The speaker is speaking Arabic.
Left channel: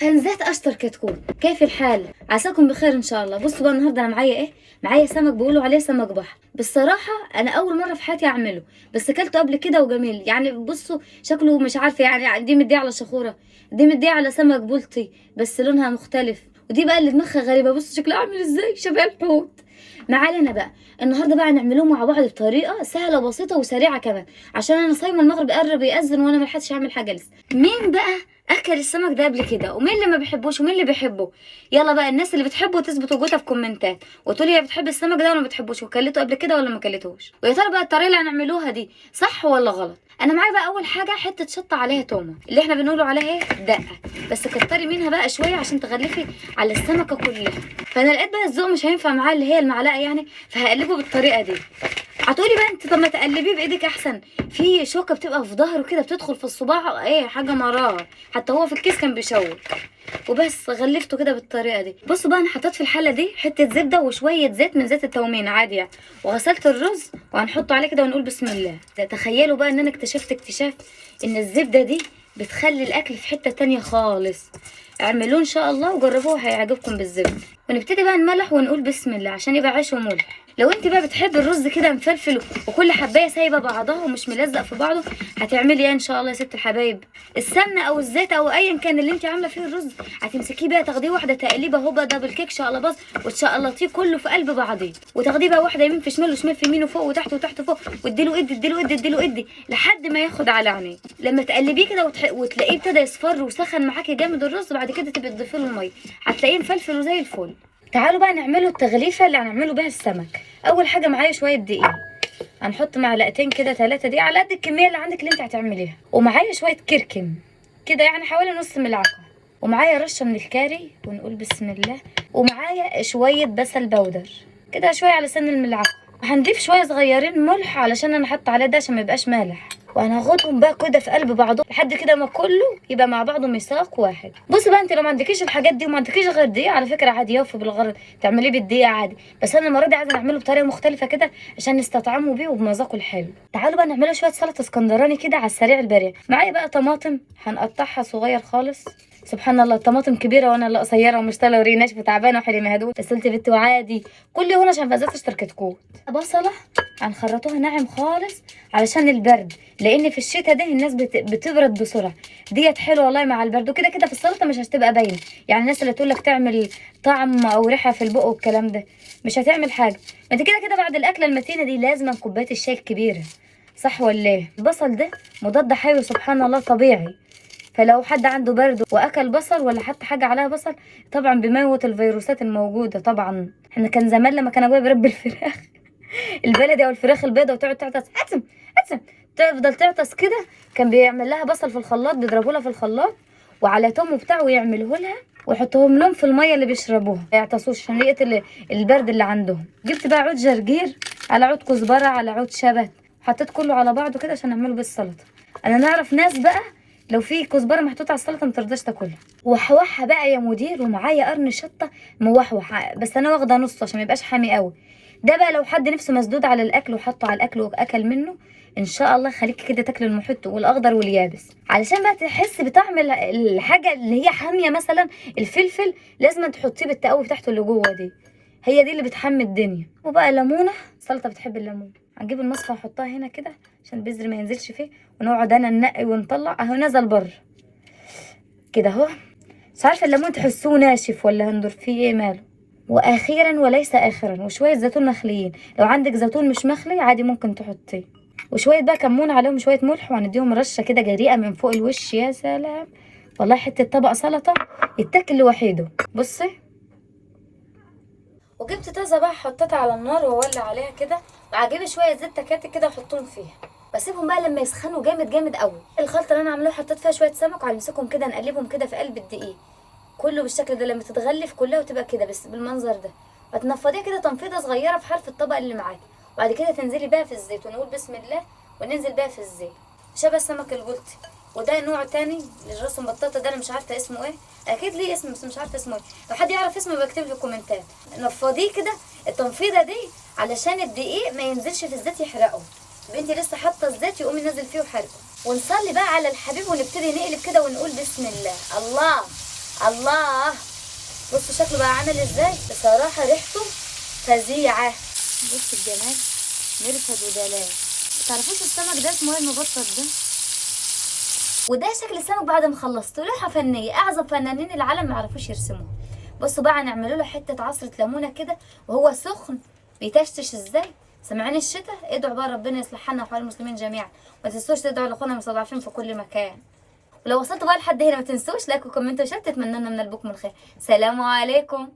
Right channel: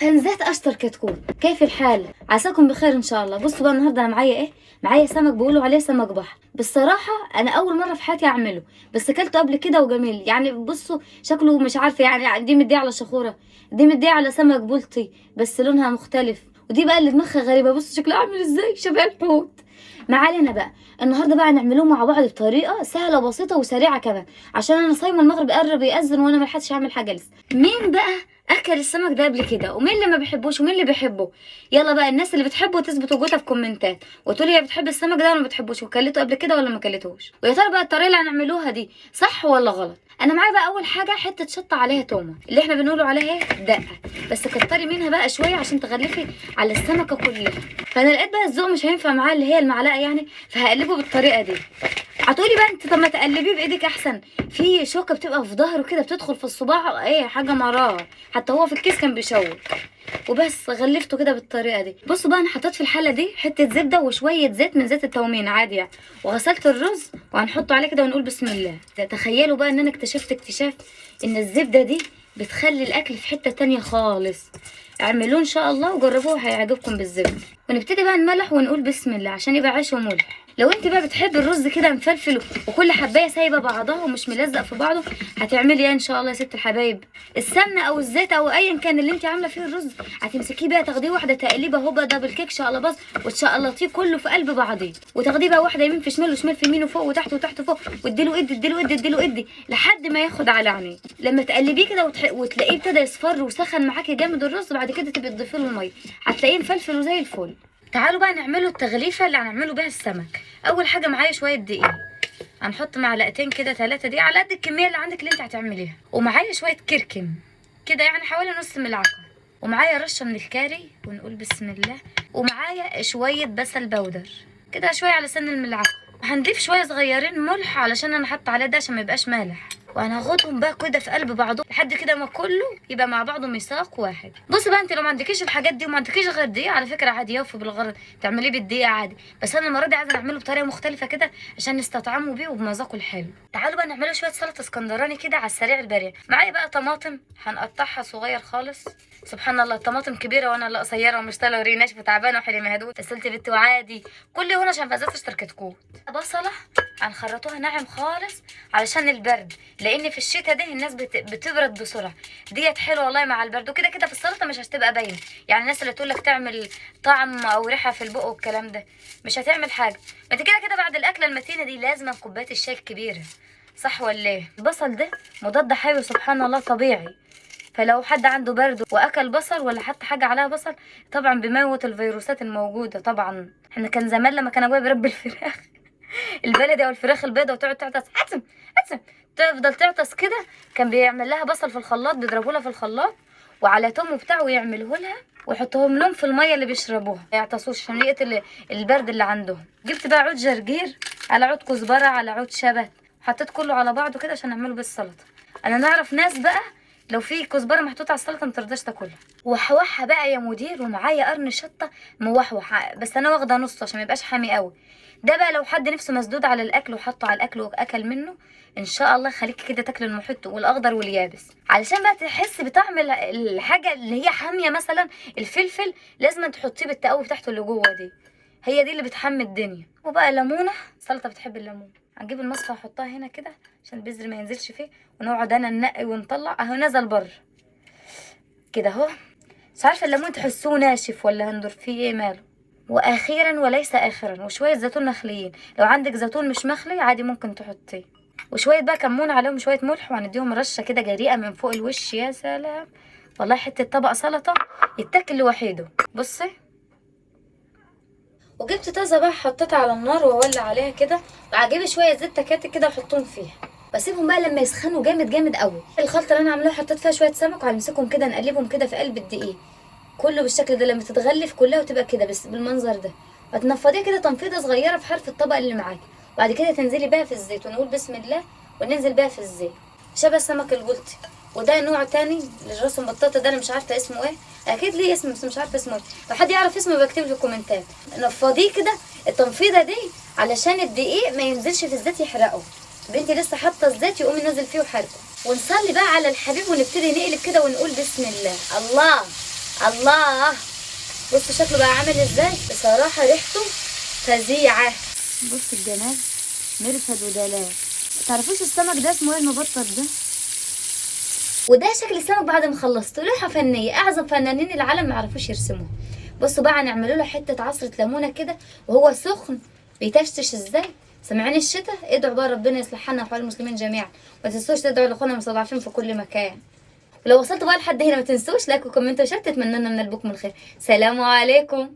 فنزات اشطر كتكوت، كيف الحال؟ عساكم بخير ان شاء الله. بصوا بقى النهارده انا معايا ايه؟ معايا سمك بيقولوا عليه سمك بحر. بالصراحه انا اول مره في حياتي اعمله، بس اكلته قبل كده وجميل. يعني بصوا شكله مش عارفه، يعني دي مديه على شخوره، دي مديه على سمك بلطي بس لونها مختلف، ودي بقى اللي دماغها غريبه. بصوا شكلها عامل ازاي، شبه الحوت. ما علينا بقى، النهارده بقى نعملوه مع بعض بطريقه سهله وبسيطه وسريعه كمان، عشان انا صايمه المغرب قرب يأذن وانا ما لحقتش اعمل حاجه لسه. مين بقى اكل السمك ده قبل كده، ومين اللي ما بيحبوش ومين اللي بيحبه؟ يلا بقى الناس اللي بتحبه تثبت وجودها في كومنتات وتقولي هي بتحب السمك ده ولا ما بتحبوش، وكلته قبل كده ولا ما كلتوش. ويا ترى بقى الطريقه اللي هنعملوها دي صح ولا غلط؟ انا معايا بقى اول حاجه حته شطه عليها تومه، اللي احنا بنقوله عليها ايه، دقه، بس كتري منها بقى شويه عشان تغلفي على السمكه كلها. فانا لقيت بقى الذوق مش هينفع معاه اللي هي المعلقه يعني، فهقلبه بالطريقه دي. هتقولي بقى انت طب ما تقلبيه بايدك احسن، في شوكه بتبقى في ظهره كده بتدخل في الصباع، ايه حاجه مرار، حتى هو في الكيس كان بيشوك. وبس غلفته كده بالطريقه دي. بصوا بقى انا حطيت في الحله دي حته زبده وشويه زيت من زيت التومين عادي يعني، وغسلت الرز وهنحطه عليه كده ونقول بسم الله. تخيلوا بقى ان انا اكتشفت اكتشاف ان الزبده دي بتخلي الاكل في حته تانية خالص. اعملوه ان شاء الله وجربوه هيعجبكم بالزبده. ونبتدي بقى نملح ونقول بسم الله عشان يبقى عيش وملح. لو انت بقى بتحبي الرز كده مفلفل وكل حبايه سايبه بعضها ومش ملزق في بعضه، هتعملي ايه ان شاء الله يا ست الحبايب؟ السمنه او الزيت او ايا كان اللي انت عامله فيه الرز، هتمسكيه بقى تاخديه واحده تقليبه هوبا دبل كيك شقلباظ وتشقلطيه كله في قلب بعضيه، وتاخديه بقى واحده يمين في شمال وشمال في يمين وفوق وتحت وتحت وفوق، واديله ادي لحد ما ياخد على عينيه. لما تقلبيه كده وتلاقيه ابتدى يصفر وسخن معاكي جامد الرز، بعد كده تبقي تضيفي له الميه، هتلاقيه مفلفل وزي الفل. تعالوا بقى نعمله التغليفه اللي هنعمله بيها السمك. اول حاجه معايا شويه دقيق، هنحط معلقتين كده 3 دقيق على قد الكميه اللي عندك اللي انت هتعمليها. ومعايا شويه كركم كده يعني حوالي نص ملعقه، ومعايا رشه من الكاري ونقول بسم الله، ومعايا شويه بسل بودر كده شويه على سن الملعقه، وهنضيف شويه صغيرين ملح علشان انا حاطه عليه ده عشان ما يبقاش مالح، وهناخدهم بقى كده في قلب بعضه لحد كده ما كله يبقى مع بعضه ميثاق واحد. بصي بقى انت لو ما عندكيش الحاجات دي وما عندكيش غير دقيق، على فكره عادي يوفي بالغرض تعمليه بالدقيق عادي، بس انا المره دي عايزه نعمله بطريقه مختلفه كده عشان نستطعمه بيه وبمذاقه الحلو. تعالوا بقى نعمله شويه سلطه اسكندراني كده على السريع البارع. معايا بقى طماطم هنقطعها صغير خالص، سبحان الله الطماطم كبيره وانا اللي قصيره ومش طالعه وريه ناشفه تعبانه وحلي مهدود، بس قلت بنت وعادي كل هنا عشان فازات اشتركت كوت. بصله هنخرطوها ناعم خالص علشان البرد، لان في الشتاء ده الناس بتبرد بسرعه، ديت حلوه والله مع البرد. وكده كده في السلطه مش هتبقى باينه، يعني الناس اللي تقول لك تعمل طعم او ريحه في البق والكلام ده مش هتعمل حاجه. ما انت كده كده بعد الاكله المتينه دي لازم كوبايه الشاي الكبيره، صح ولا ايه؟ البصل ده مضاد حيوي سبحان الله طبيعي، فلو حد عنده برد واكل بصل ولا حتى حاجه عليها بصل طبعا بيموت الفيروسات الموجوده. طبعا احنا كان زمان لما كان ابويا بيربي الفراخ البلدي او الفراخ البيضاء وتقعد تعطس عتم عتم تفضل تعطس كده، كان بيعمل لها بصل في الخلاط، بيضربوا لها في الخلاط وعلى توم وبتاع ويعملوه لها ويحطوهم لهم في الميه اللي بيشربوها ما يعطسوش عشان يقتل البرد اللي عندهم. جبت بقى عود جرجير على عود كزبره على عود شبت، حطيت كله على بعضه كده عشان نعمله بالسلطه. انا نعرف ناس بقى لو في كزبره محطوطه على السلطه ما ترضاش تاكلها. وحوحها بقى يا مدير، ومعايا قرن شطه موحوح بس انا واخده نص عشان ما يبقاش حامي قوي. ده بقى لو حد نفسه مسدود على الاكل وحطه على الاكل واكل منه ان شاء الله خليكي كده تاكلي المحيط والاخضر واليابس، علشان بقى تحسي بطعم الحاجه اللي هي حاميه. مثلا الفلفل لازم تحطيه بالتقوي بتاعته اللي جوه دي، هي دي اللي بتحمي الدنيا. وبقى ليمونه، سلطه بتحب الليمون، هنجيب المصفى نحطها هنا كده عشان البذر ما ينزلش فيه، ونقعد انا ننقي ونطلع اهو نزل بره كده اهو. مش عارفه الليمون تحسوه ناشف ولا هندر فيه ايه ماله. واخيرا وليس اخرا وشويه زيتون مخليين، لو عندك زيتون مش مخلي عادي ممكن تحطيه، وشويه بقى كمون عليهم شويه ملح، وهنديهم رشه كده جريئه من فوق الوش. يا سلام والله حته طبق سلطه يتاكل لوحده. بصي وجبت طازه بقى حطيتها على النار واولع عليها كده، وهجيب شويه زيت تكاتك كده واحطهم فيها واسيبهم بقى لما يسخنوا جامد جامد قوي. الخلطه اللي انا عاملاها حطيت فيها شويه سمك وهنمسكهم كده نقلبهم كده في قلب الدقيق كله بالشكل ده، لما تتغلف كلها وتبقى كده بس بالمنظر ده، هتنفضيها كده تنفيضه صغيره في حرف الطبق اللي معاكي، وبعد كده تنزلي بيها في الزيت ونقول بسم الله وننزل بيها في الزيت. شبه السمك البلطي. وده نوع تاني للراس المبططه ده انا مش عارفه اسمه ايه، اكيد ليه اسم بس مش عارفه اسمه ايه، لو حد يعرف اسمه يبقى يكتب لي في الكومنتات. نفضيه كده التنفيضه دي علشان الدقيق ما ينزلش في الزيت يحرقه. بنتي لسه حاطه الزيت يقوم ينزل فيه وحرقه. ونصلي بقى على الحبيب ونبتدي نقلب كده ونقول بسم الله. الله الله، بصوا شكله بقى عامل ازاي، بصراحة ريحته فظيعة. بص الجمال، مرفد ودلال. تعرفوش السمك ده اسمه ايه المبطط ده؟ وده شكل السمك بعد ما خلصته، لوحة فنية، اعظم فنانين العالم ما يعرفوش يرسموها. بصوا بقى هنعمله له حتة عصرة ليمونة كده وهو سخن بيتشتش ازاي. سامعين الشتاء؟ ادعوا بقى ربنا يصلح حالنا وحال المسلمين جميعا، وما تنسوش تدعوا لاخواننا المستضعفين في كل مكان. ولو وصلتوا بقى لحد هنا ما تنسوش لايك وكومنت وشير، تتمنى لنا من قلبكم الخير. سلام عليكم.